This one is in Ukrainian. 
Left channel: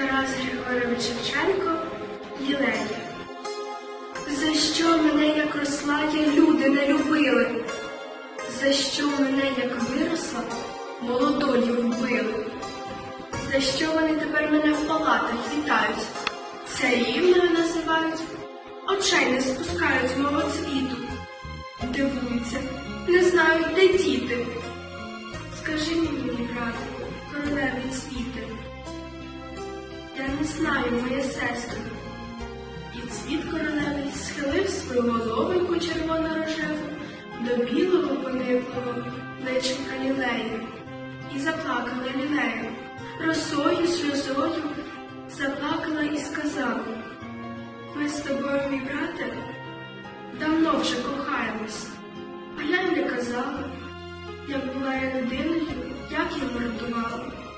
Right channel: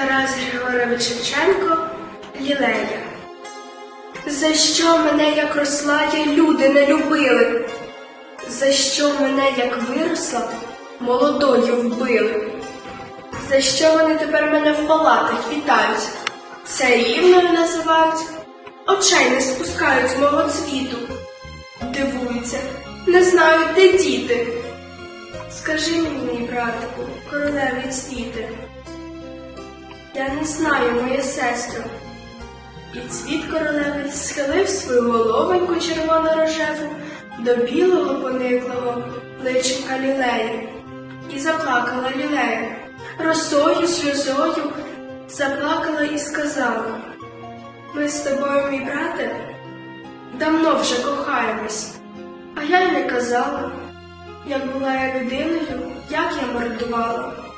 Григорович Шевченко Лілея. За що мене, як росла, я люди не любили? За що мене, як виросла, молодою вбили? За що вони тепер мене в палатах вітають? Царівною називають, очей не спускають з мого цвіту. Дивуються, не знають, де діти. Скажи мені, мій братику, королеві цвіти. Не знаю, моя сестро. І цвіт королевий схилив свою головоньку червоно-рожеву до білого пониклого личинка лілеї. І заплакала лілея, росою, сльозою заплакала і сказала: Ми з тобою, мій брате, давно вже кохаємось, а я й не казала, як була я людиною, як я мордувала.